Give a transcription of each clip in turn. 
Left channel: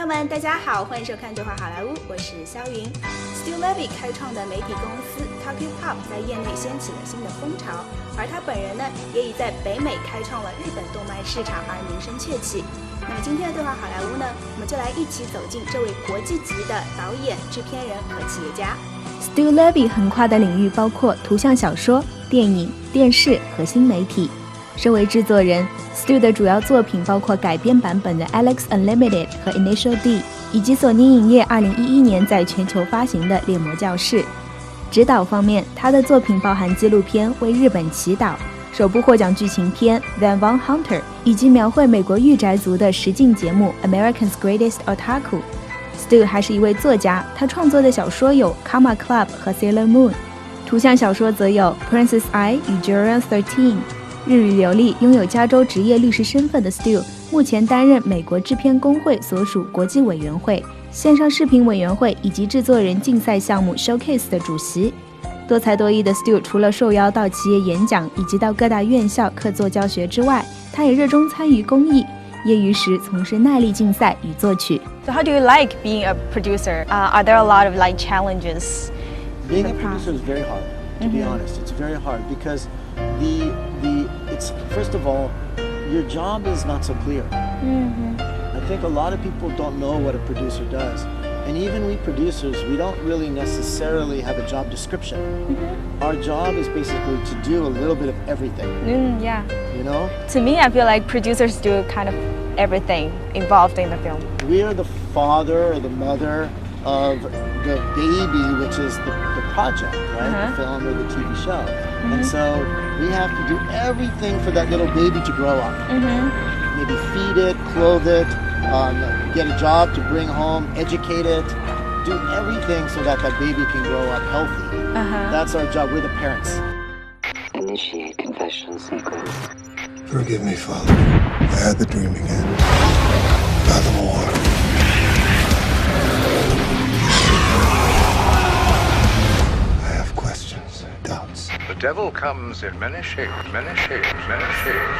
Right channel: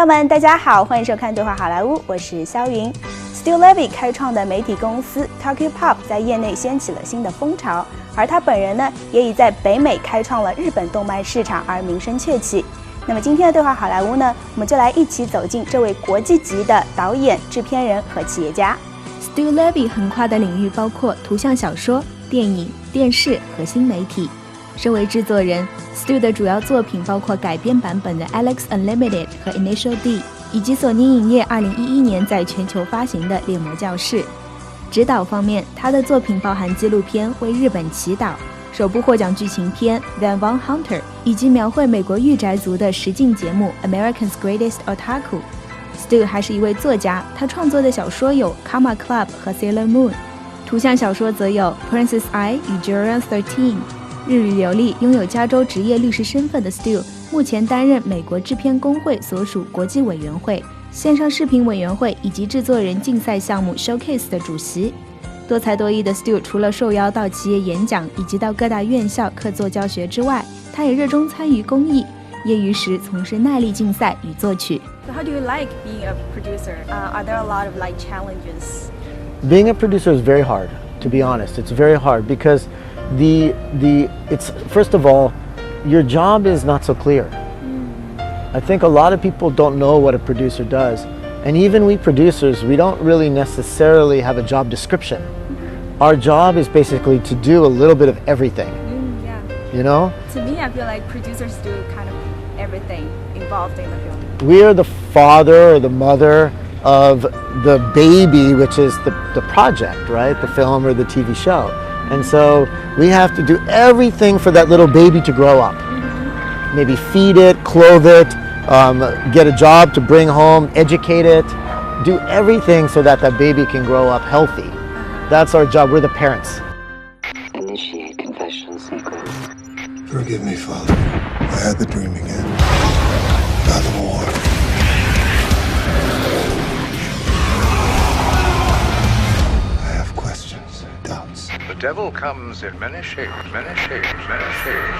朋友们，大家好，欢迎收看《对话好莱坞》，我是肖云。Stu Levy 开创的媒体公司 Tokyopop 在业内掀起了新的风潮，而他本人呢，也已在北美开创了日本动漫市场而名声鹊起。那么今天的对话好莱坞呢，我们就来一起走进这位国际级的导演、制片人和企业家。Stu Levy 横跨的领域包括图像小说、电影、电视和新媒体。身为制作人 ，Stu 的主要作品包括改编版本的《Alex Unlimited》和《Initial D》，以及索尼影业2011年在全球发行的《猎魔教室》。指导方面，他的作品包含纪录片《为日本祈祷》、首部获奖剧情片《Van Von Hunter》，以及描绘美国御宅族的实境节目《America's Greatest Otaku》。Stu 还是一位作家，他创作的小说有《Karma Club》和《Sailor Moon》，图像小说则有《Princess I》与《Juror 13》。日语流利，拥有加州职业律师身份的 Stu， 目前担任美国制片工会所属国际委员会、线上视频委员会以及制作人竞赛项目 Showcase 的主席。多才多艺的 Stu 除了受邀到企业演讲以及到各大院校客座教学之外，他也热衷参与公益，业余时从事耐力竞赛与作曲。So how do you like being a producer? Are there a lot of challenges? Being a producer is very hard, to be honest. It's very hard because it's first of all, your job is not so clear. I think a lot of people don't know what a producer does. And even we producers, we don't really necessarily have a job description. Our job is basically to do a little bit of everything. Yeah. You know? To me, I feel like producers do kind of everything involved in the film. We are the father or the mother of the baby, which is the project, right? The film or the TV show. And so we have to do everything for that little baby to grow up. Maybe feed it, clothe it, get a job to bring home, educate it, do everything so that that baby can grow up healthy. That's our job. We're the parents. Initiate confession sequence. Forgive me, Father. I had the dream again. About the war. I have questions, doubts. The devil comes in many shapes, many shapes, many shapes.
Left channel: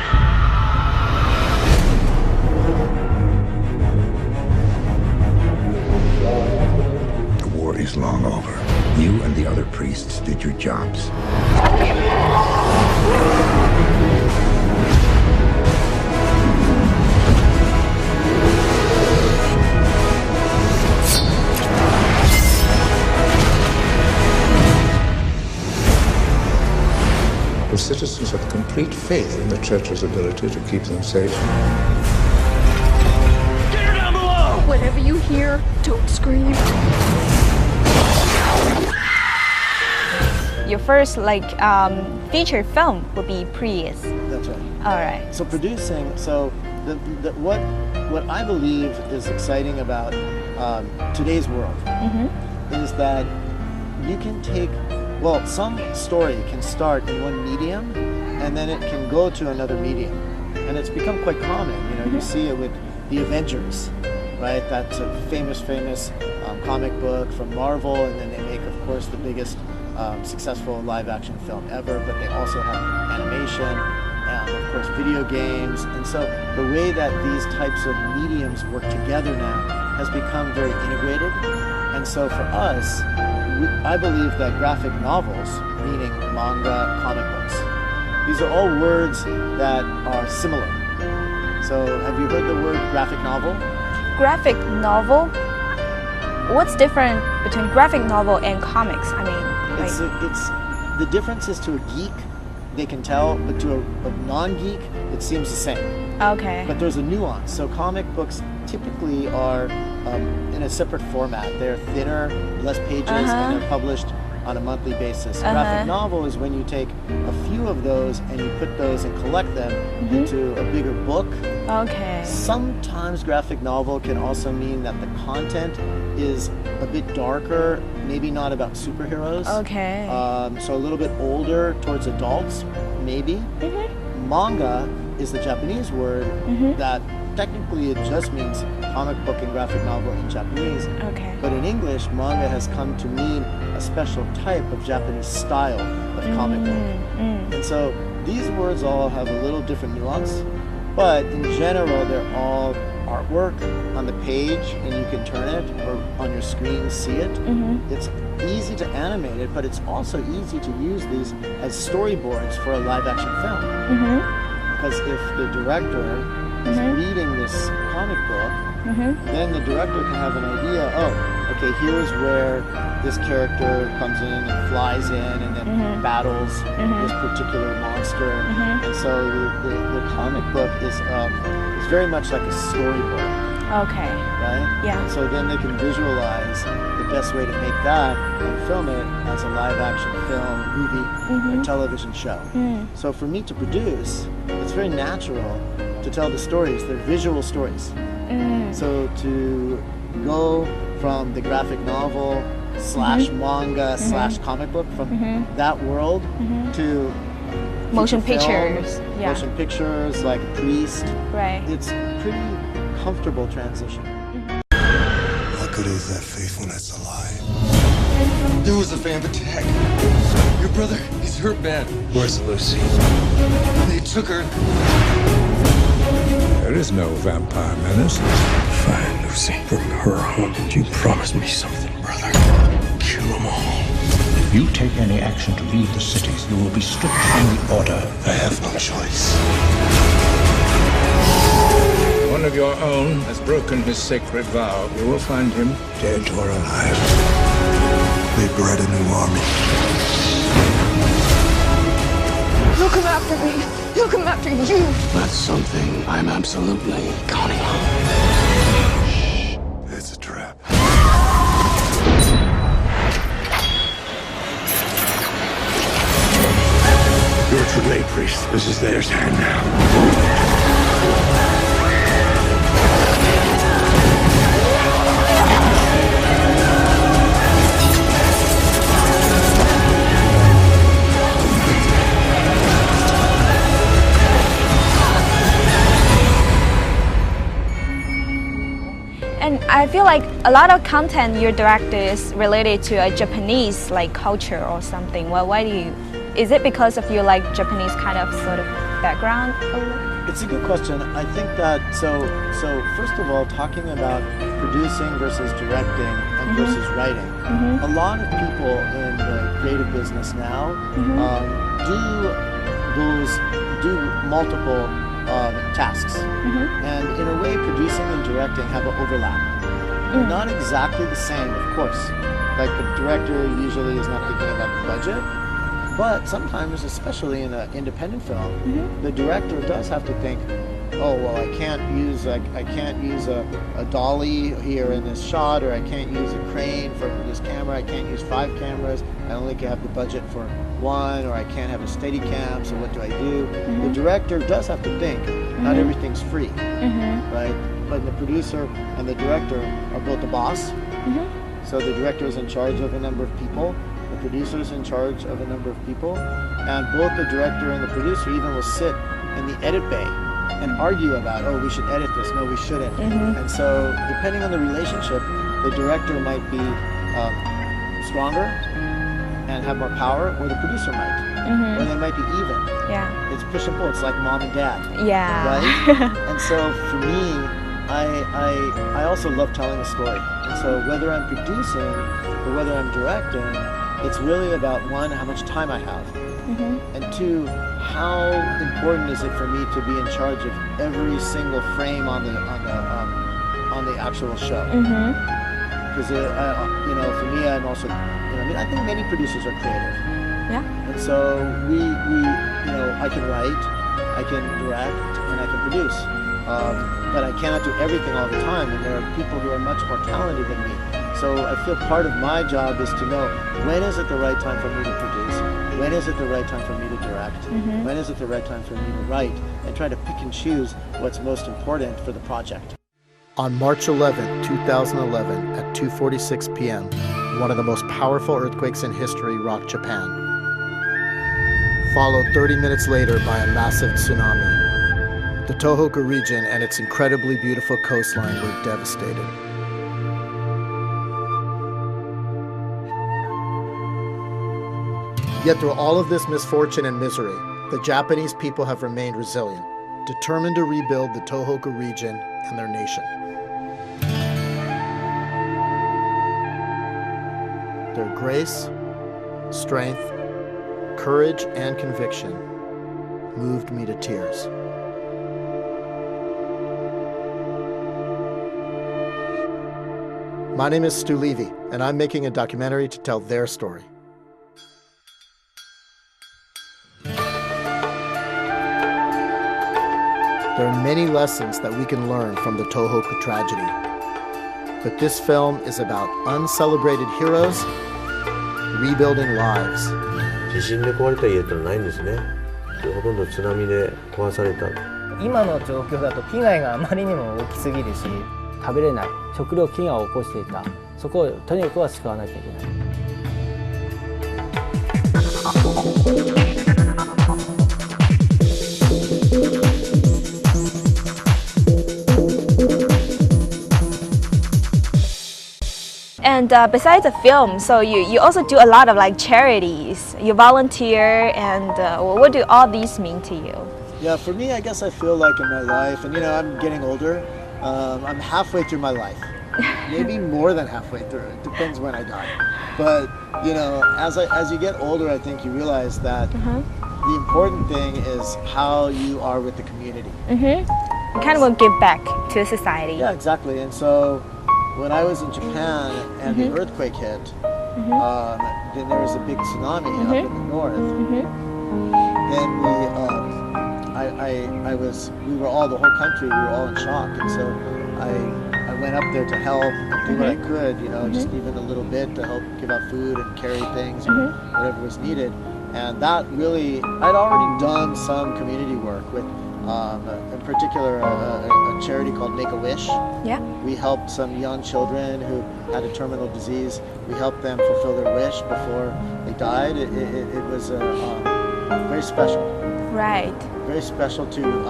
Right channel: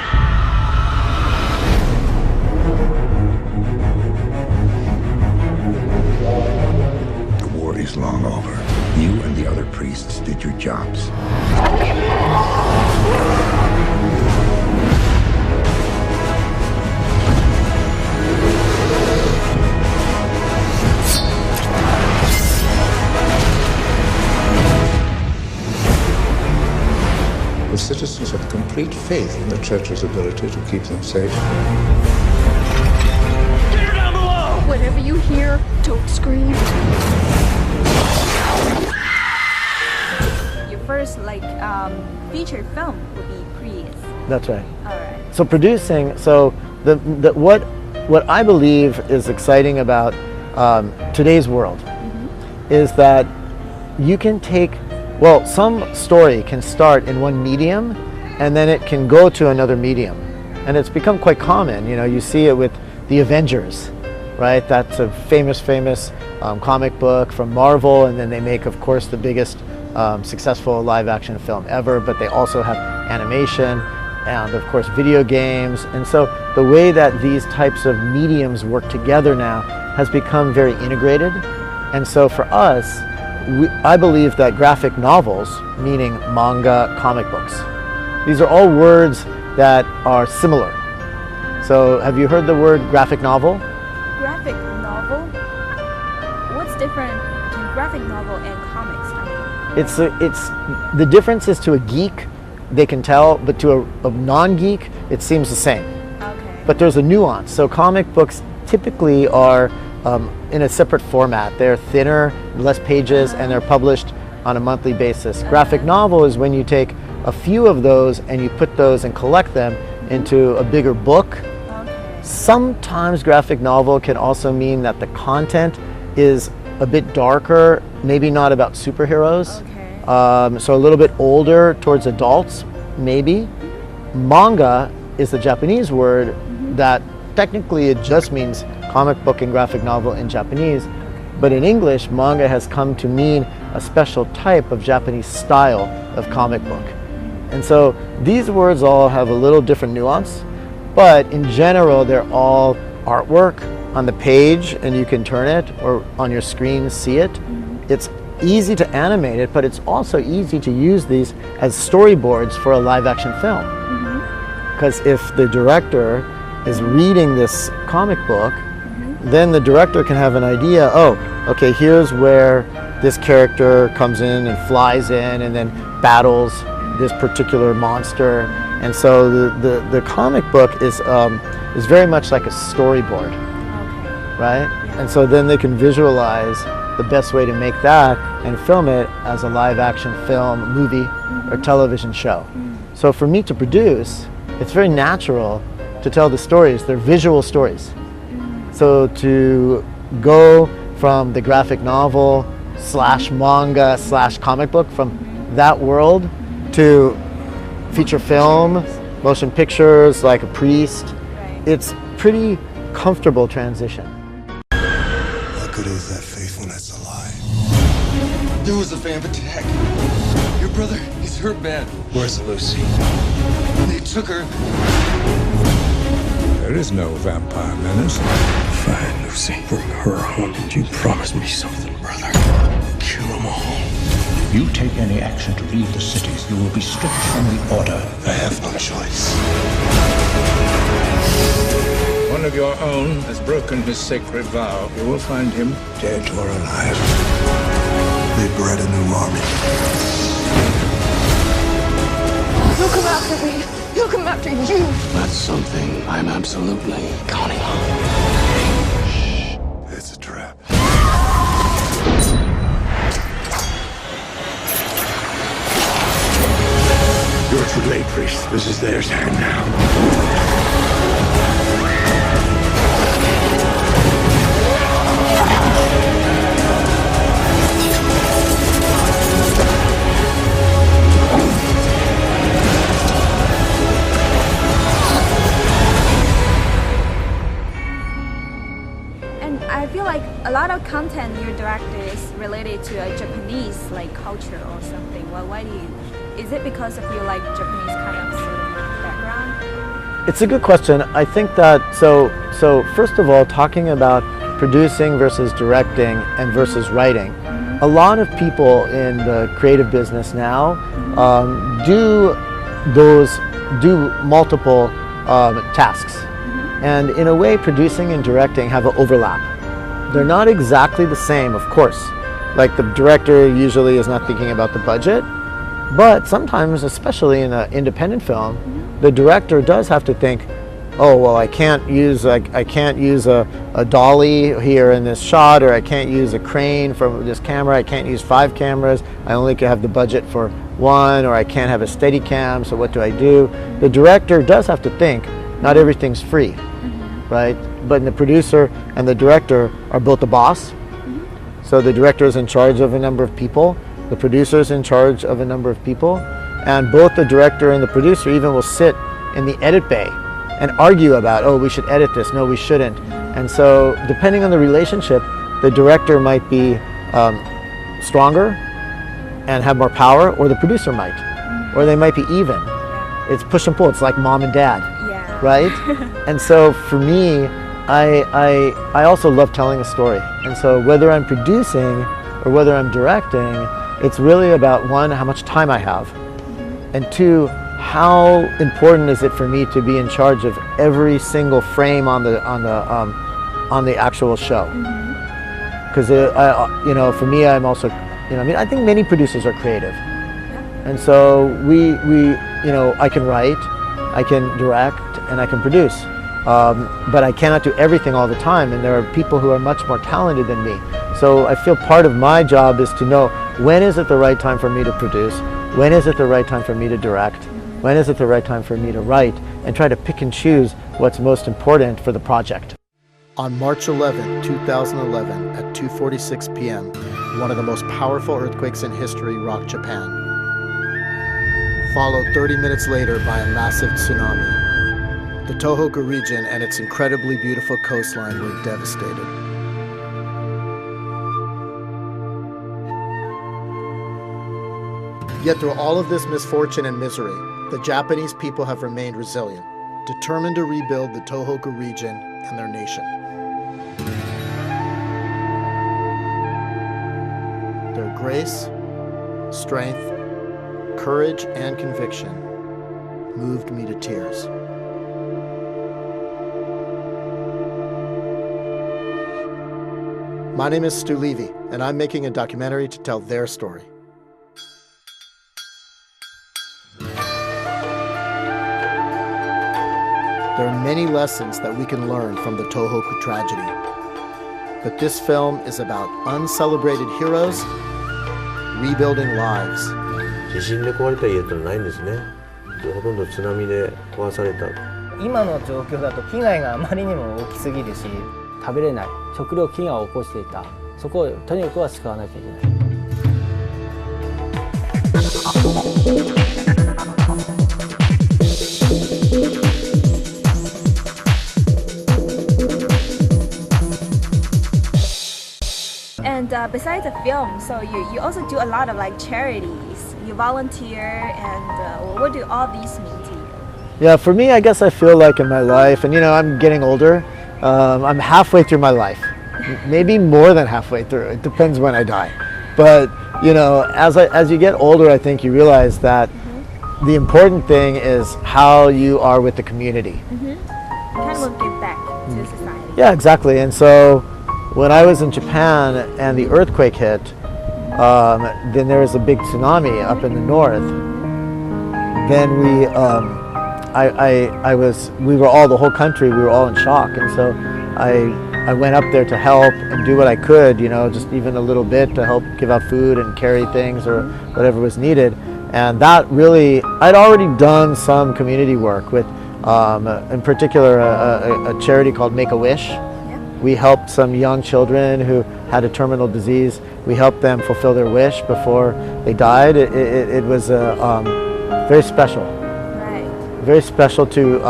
The war is long over. You and the other priests did your jobs. The citizens have complete faith in the church's ability to keep them safe. Get her down below! Whatever you hear, don't scream. Your first feature film would be Prius. That's right. All right. So producing, what I believe is exciting about today's world is that you can take, some story can start in one medium and then it can go to another medium. And it's become quite common. You know, you see it with the Avengers, right? That's a famous comic book from Marvel, and then they make, of course, the biggest successful live action film ever, but they also have animation and, of course, video games. And so the way that these types of mediums work together now has become very integrated. And so for us, I believe that graphic novels, meaning manga, comic books, these are all words that are similar. So have you heard the word graphic novel? Graphic novel? What's different between graphic novel and comics? I mean, It's the difference is to a geek, they can tell, but to a non-geek, it seems the same. Okay. But there's a nuance. So comic books typically are in a separate format. They're thinner, less pages, and they're published on a monthly basis. Graphic novel is when you take a few of those and you put those and collect them into a bigger book. Okay. Sometimes graphic novel can also mean that the content is a bit darker, maybe not about superheroes. Okay. So a little bit older towards adults, maybe. Manga is the Japanese word that technically it just means comic book and graphic novel in Japanese. Okay. But in English, manga has come to mean a special type of Japanese style of comic book. And so these words all have a little different nuance, but in general, they're all artwork on the page and you can turn it, or on your screen see it. It's easy to animate it, but it's also easy to use these as storyboards for a live action film. Because if the director is reading this comic book, then the director can have an idea, oh, okay, here's where this character comes in and flies in and then battles this particular monster. And so the comic book is very much like a storyboard. Okay. Right? Yeah. And so then they can visualize the best way to make that and film it as a live action film, movie, or television show. So for me to produce, it's very natural to tell the stories. They're visual stories. So to go from the graphic novel / manga / comic book, from that world to feature film, motion pictures, like a priest. Right. It's pretty comfortable transition. What good is that faith when it's a lie? There was a vamp attack. Your brother, he's hurt bad. Where's Lucy? They took her. There is no vampire menace. Find Lucy, bring her home, and you promised me something, brother. Kill them all. If you take any action to leave the cities, you will be stripped from the order. I have no choice. One of your own has broken his sacred vow. You will find him Dead or alive. They bred a new army. He'll come after me. He'll come after you. That's something I'm absolutely counting on. It's a trap. You're too late, priest. This is their time now. I feel like a lot of content you direct is related to a Japanese like culture or something. Well, why do you? Is it because of your like Japanese kind of sort of background? It's a good question. I think that so first of all, talking about producing versus directing and versus writing, a lot of people in the creative business now do multiple tasks, and in a way, producing and directing have an overlap. They're not exactly the same, of course. Like the director usually is not thinking about the budget, but sometimes, especially in an independent film, the director does have to think, oh well, I can't use a dolly here in this shot, or I can't use a crane from this camera. I can't use 5 cameras. I only can have the budget for 1, or I can't have a steady cam. So what do I do? The director does have to think. Not everything's free, right? But the producer and the director are both the boss. So the director is in charge of a number of people. The producer is in charge of a number of people. And both the director and the producer even will sit in the edit bay and argue about, oh, we should edit this, no, we shouldn't. And so depending on the relationship, the director might be stronger and have more power, or the producer might. Or they might be even. It's push and pull. It's like mom and dad, right? And so for me, I also love telling a story. And so whether I'm producing or whether I'm directing, it's really about 1, how much time I have, and 2, how important is it for me to be in charge of every single frame on the actual show? Because for me, I'm also, I think many producers are creative. And so I can write, I can direct, and I can produce. But I cannot do everything all the time, and there are people who are much more talented than me. So I feel part of my job is to know, when is it the right time for me to produce? When is it the right time for me to direct? When is it the right time for me to write? And try to pick and choose what's most important for the project. On March 11, 2011, at 2:46 p.m., one of the most powerful earthquakes in history rocked Japan, followed 30 minutes later by a massive tsunami. The Tohoku region and its incredibly beautiful coastline were devastated. Yet through all of this misfortune and misery, the Japanese people have remained resilient. determined to rebuild the Tohoku region and their nation. Their grace, strength, courage, and conviction moved me to tears. My name is Stu Levy, and I'm making a documentary to tell their story. There are many lessons that we can learn from the Tohoku tragedy. But this film is about uncelebrated heroes rebuilding lives. 地震で壊れた家ってのはないんですね。ほとんど津波で壊された。今の状況だと被害があまりにも大きすぎるし、食べれない食糧飢餓を起こしていた。そこをとにかくは救わなきゃいけない。And besides the film, so you also do a lot of like charities. You volunteer, and what do all these mean to you? Yeah, for me, I guess I feel like in my life, and I'm getting older, I'm halfway through my life. Maybe more than halfway through. It depends when I die. But, as you get older, I think you realize that the important thing is how you are with the community. Kind of will give back to society. Yeah, exactly. And so when I was in Japan and the earthquake hit, then there was a big tsunami up in the north. Then we were all, the whole country, we were all in shock. And so I went up there to help and do what I could, just even a little bit to help give out food and carry things or whatever was needed. And that really, I'd already done some community work with, in particular, a charity called Make-A-Wish. We helped some young children who had a terminal disease. We helped them fulfill their wish before they died. It was very special. Right. Very special to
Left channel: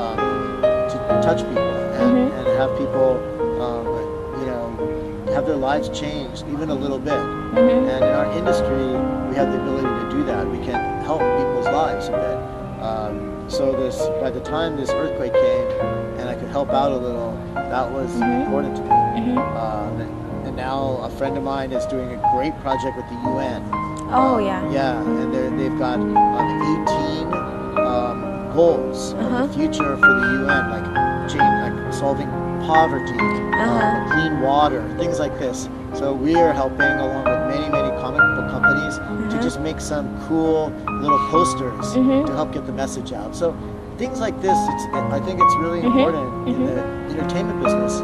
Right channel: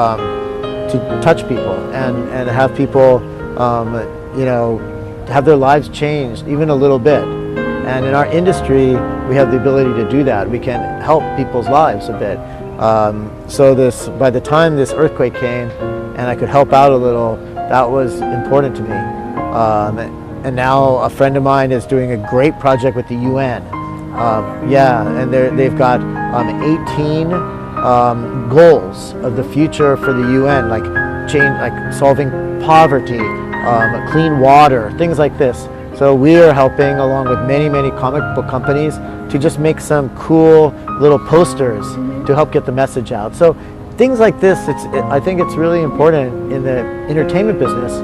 touch people and have people, have their lives changed even a little bit. And in our industry, we have the ability to do that. We can help people's lives a bit. So by the time this earthquake came and I could help out a little, that was important to me. And now a friend of mine is doing a great project with the UN. Yeah, and they've got 18 goals of the future for the UN, like solving poverty, clean water, things like this. So we are helping, along with many comic book companies, to just make some cool little posters to help get the message out. So things like this, I think it's really important in the entertainment business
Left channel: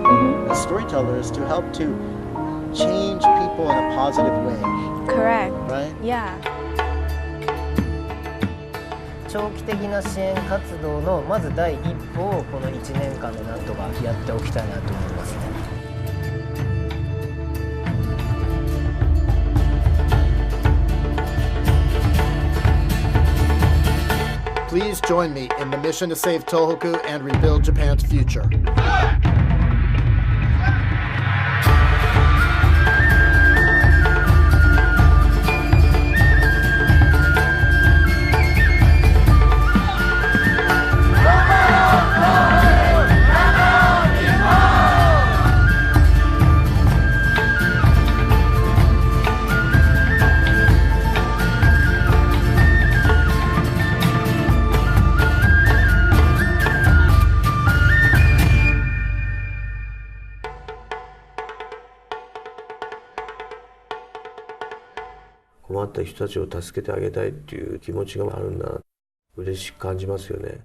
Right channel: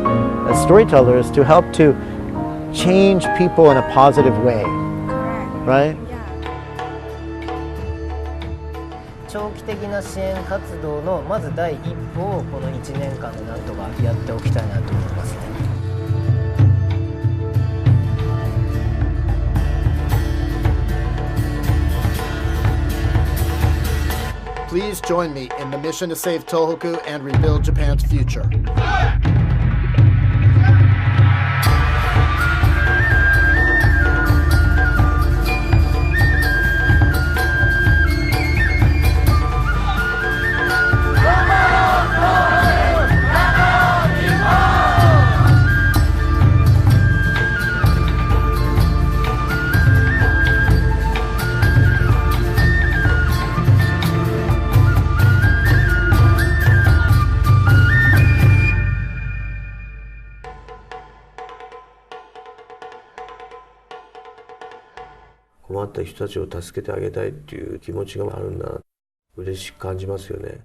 as storytellers to help to change people in a positive way. Correct. Right? Yeah. 長期的な支援活動のまず第一歩をこの1年間でなんとかやっておきたいなと思いますね。Please join me in the mission to save Tohoku and rebuild Japan's future.困った人たちを助けてあげたいっていう気持ちがあるんだ。嬉しく感じますよね。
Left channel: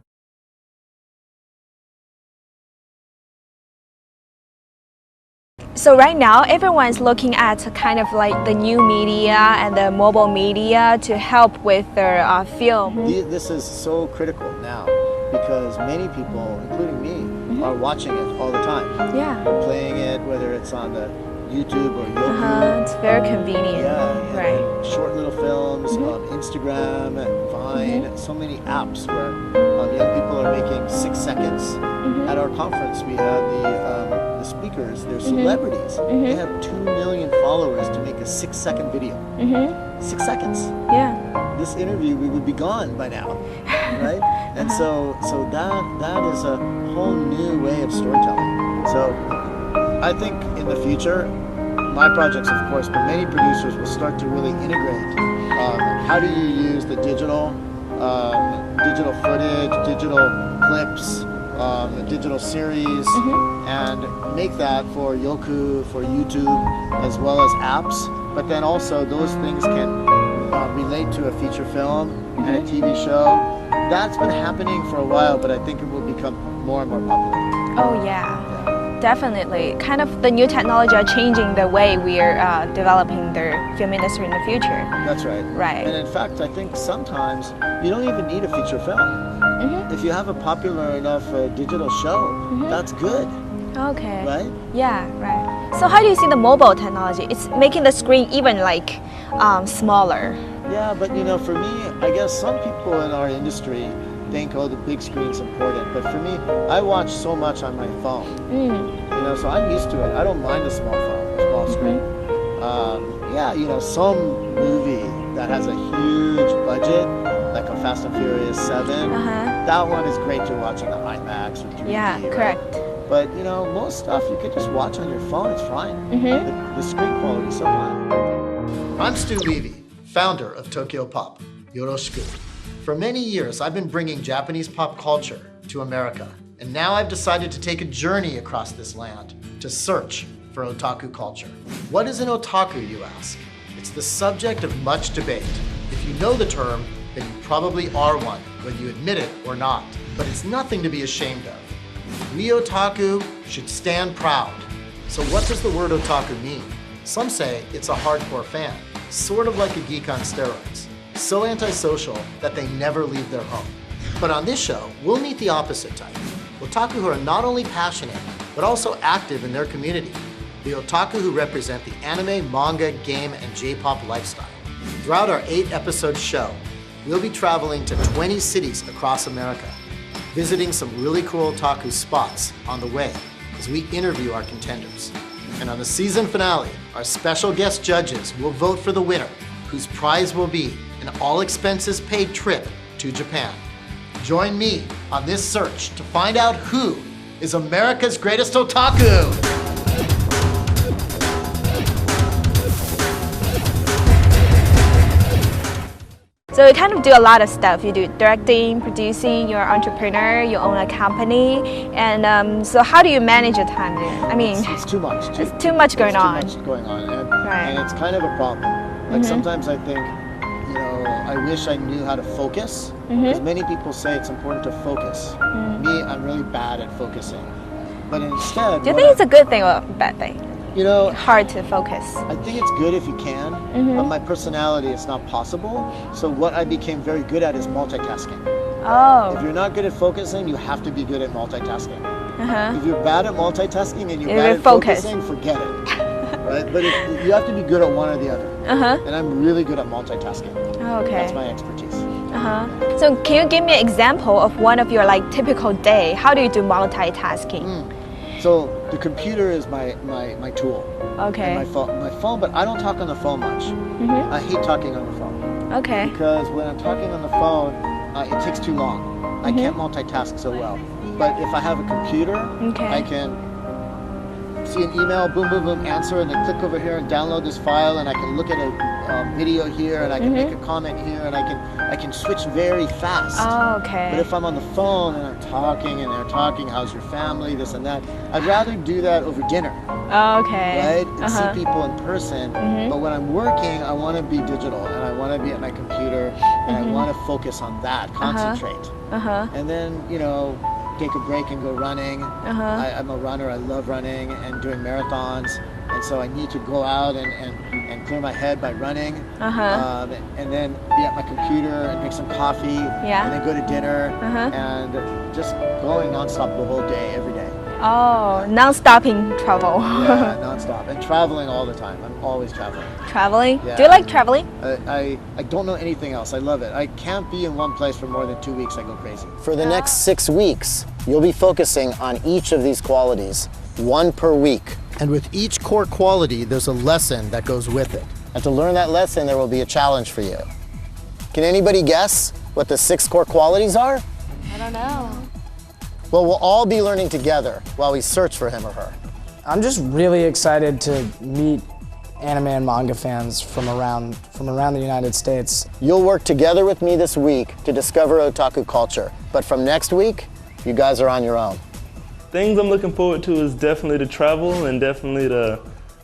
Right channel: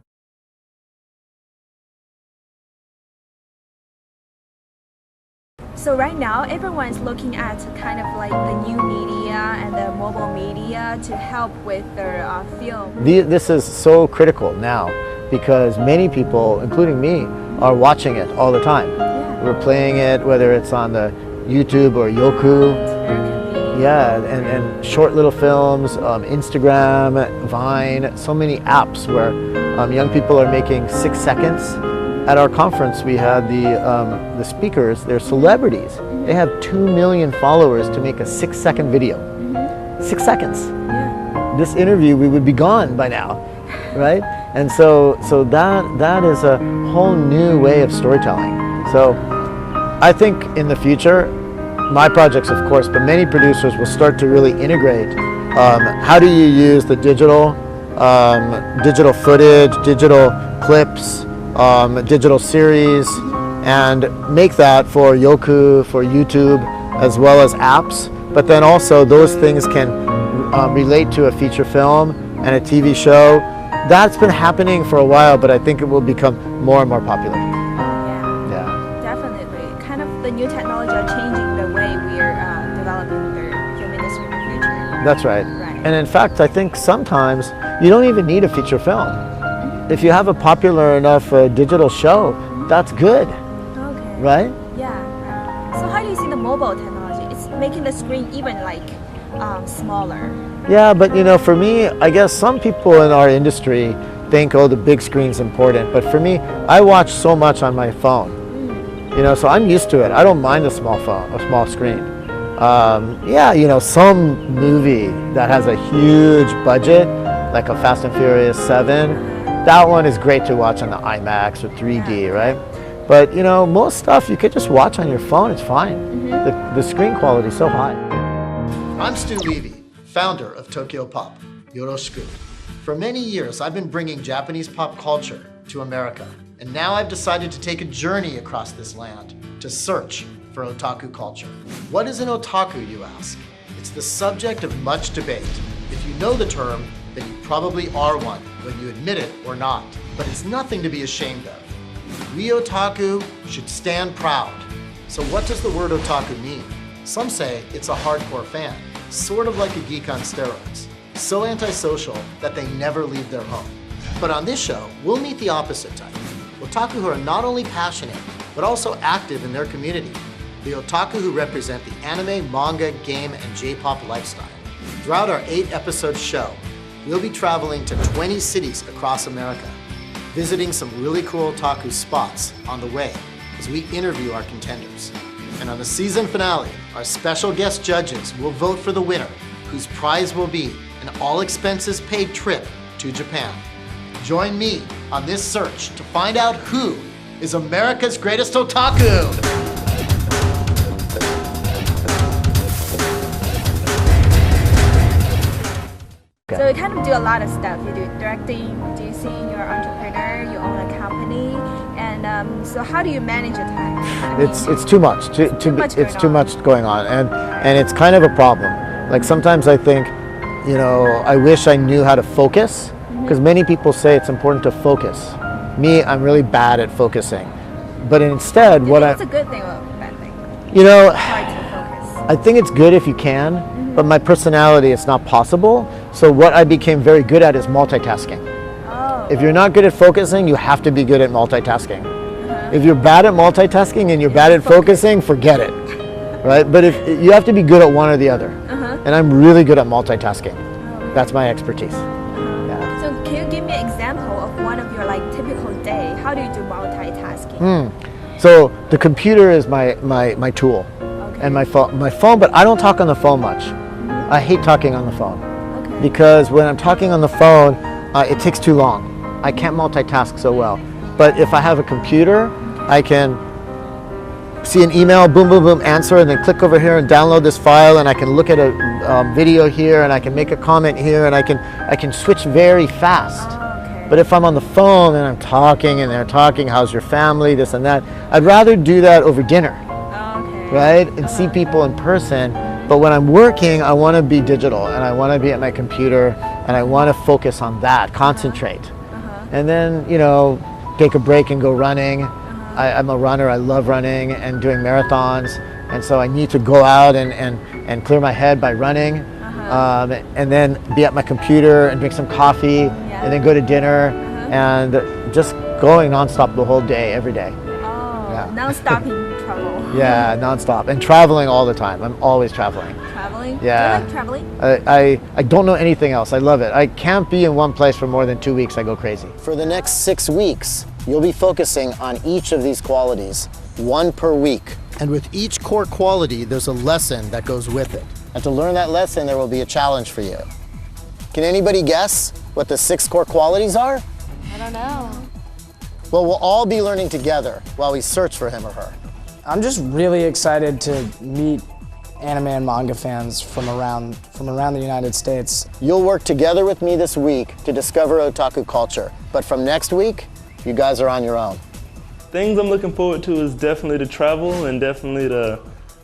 So right now, everyone's looking at kind of like the new media and the mobile media to help with their film. This is so critical now because many people, including me, are watching it all the time. Yeah. We're playing it, whether it's on the YouTube or Yoku. It's very convenient. Yeah, and short little films, Instagram, Vine, so many apps where young people are making 6 seconds. At our conference, we had the speakers, they're celebrities. They have 2 million followers to make a 6-second video. 6 seconds. Yeah. This interview, we would be gone by now, right? And so that is a whole new way of storytelling. So I think in the future, my projects, of course, but many producers will start to really integrate how do you use the digital footage, digital clips, digital series, and make that for Yoku, for YouTube, as well as apps. But then also those things can relate to a feature film and a TV show. That's been happening for a while, but I think it will become more and more popular. Oh yeah. Definitely. Kind of the new technology are changing the way we are developing the film industry in the future. That's right. Right. And in fact, I think sometimes you don't even need a feature film. If you have a popular enough digital show, that's good. Okay. Right? Yeah, right. So how do you see the mobile technology? It's making the screen even like smaller. Yeah, but you know, for me, I guess some people in our industry think, oh, the big screen's important. But for me, I watch so much on my phone. You know, so I'm used to it. I don't mind a small phone, a small screen. Yeah, you know, some movie that has a huge budget, like a Fast and Furious 7, that one is great to watch on the IMAX or 3D, right? But you know, most stuff you could just watch on your phone, it's fine. The screen quality is so high. I'm Stu Levy, founder of Tokyopop. Yoroshiku. For many years, I've been bringing Japanese pop culture to America. And now I've decided to take a journey across this land to search for otaku culture. What is an otaku, you ask? It's the subject of much debate. If you know the term, then you probably are one, whether you admit it or not. But it's nothing to be ashamed of. We otaku should stand proud. So what does the word otaku mean? Some say it's a hardcore fan, sort of like a geek on steroids, so antisocial that they never leave their home. But on this show, we'll meet the opposite type. Otaku who are not only passionate, but also active in their community. The otaku who represent the anime, manga, game, and J-pop lifestyle. Throughout our 8-episode show, we'll be traveling to 20 cities across America, visiting some really cool otaku spots on the way as we interview our contenders. And on the season finale, our special guest judges will vote for the winner, whose prize will be an all-expenses-paid trip to Japan. Join me on this search to find out who is America's greatest otaku. So you kind of do a lot of stuff. You do directing, producing, you're an entrepreneur, you own a company. And so how do you manage your time? I mean, it's too much. Too much going on. And it's kind of a problem. Like sometimes I think, you know, I wish I knew how to focus. Because many people say it's important to focus. Me, I'm really bad at focusing. But instead, do you think it's a good thing or a bad thing? You know, hard to focus. I think it's good if you can, but my personality, it's not possible. So what I became very good at is multitasking. Oh. If you're not good at focusing, you have to be good at multitasking. If you're bad at multitasking and you're bad at focusing, forget it. Right? But if you have to be good at one or the other. And I'm really good at multitasking. Okay. That's my expertise. So can you give me an example of one of your like typical day? How do you do multitasking? So the computer is my tool. Okay. And my phone, but I don't talk on the phone much. I hate talking on the phone. Okay. Because when I'm talking on the phone, it takes too long. I can't multitask so well. But if I have a computer, I can see an email, boom, boom, boom, answer, and then click over here and download this file, and I can look at a video here, and I can make a comment here, and I can switch very fast. Oh, okay. But if I'm on the phone and I'm talking and they're talking, how's your family, this and that, I'd rather do that over dinner. Oh, okay. Right? And see people in person. But when I'm working, I want to be digital, and I want to be at my computer, and I want to focus on that, concentrate. And then, you know, take a break and go running. I'm a runner, I love running and doing marathons, and so I need to go out and clear my head by running, and then be at my computer and drink some coffee, and then go to dinner, and just going nonstop the whole day, every day. Oh, non-stopping travel. Yeah, nonstop, and traveling all the time. I'm always traveling. Traveling? Yeah. Do you like traveling? I don't know anything else. I love it. I can't be in one place for more than 2 weeks. I go crazy. For the next 6 weeks, you'll be focusing on each of these qualities, one per week. And with each core quality, there's a lesson that goes with it. And to learn that lesson, there will be a challenge for you. Can anybody guess what the 6 core qualities are? I don't know. Well, we'll all be learning together while we search for him or her. I'm just really excited to meet anime and manga fans from around the United States. You'll work together with me this week to discover otaku culture. But from next week, you guys are on your own. Things I'm looking forward to is definitely to travel and definitely to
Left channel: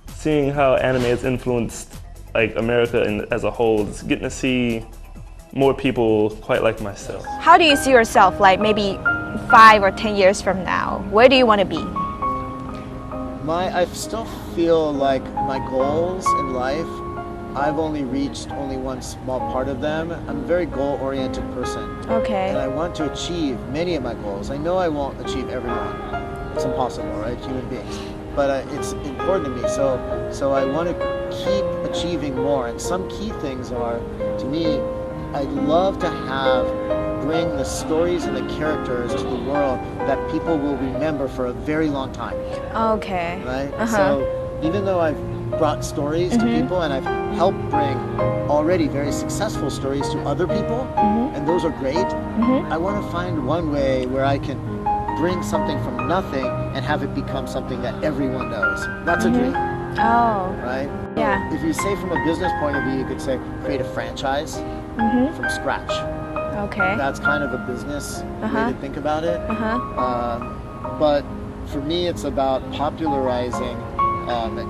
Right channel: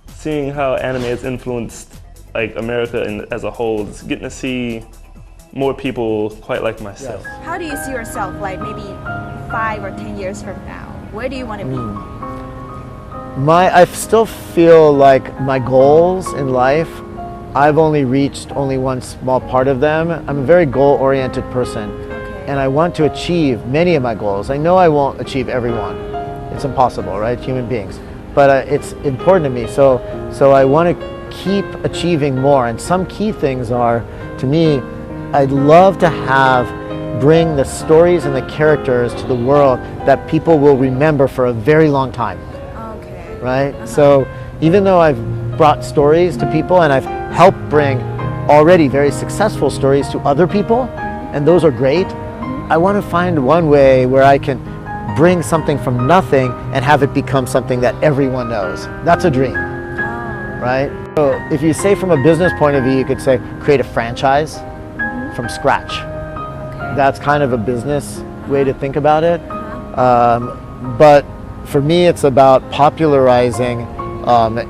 seeing how anime has influenced like America as a whole. Just getting to see more people quite like myself. How do you see yourself like maybe 5 or 10 years from now? Where do you want to be? I still feel like my goals in life, I've only reached one small part of them. I'm a very goal-oriented person. Okay. And I want to achieve many of my goals. I know I won't achieve every one. It's impossible, right? Human beings. But it's important to me. So I want to keep achieving more. And some key things are, to me, I'd love to bring the stories and the characters to the world that people will remember for a very long time. Okay. Right? So even though I've brought stories to people and I've helped bring already very successful stories to other people, and those are great, I want to find one way where I can bring something from nothing and have it become something that everyone knows. That's a dream. Oh. Right? So if you say from a business point of view, you could say create a franchise from scratch. Okay. That's kind of a business way to think about it. But for me, it's about popularizing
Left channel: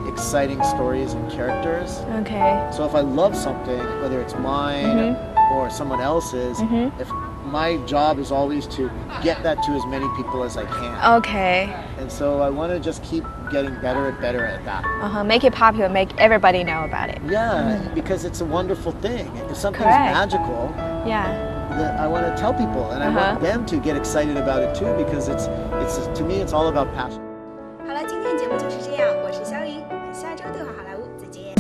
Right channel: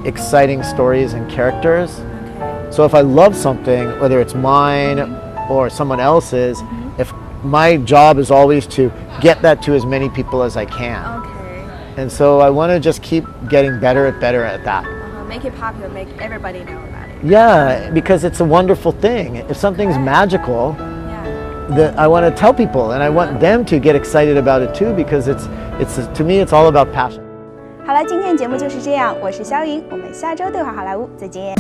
exciting stories and characters. Okay. So if I love something, whether it's mine or someone else's, if my job is always to get that to as many people as I can. Okay. And so I want to just keep getting better at that. Make it popular, make everybody know about it. Yeah, because it's a wonderful thing. If something's magical, I want to tell people, and I want them to get excited about it too, because to me it's all about passion. 好了，今天的节目就是这样，我是肖莹，我们下周对话好莱坞再见。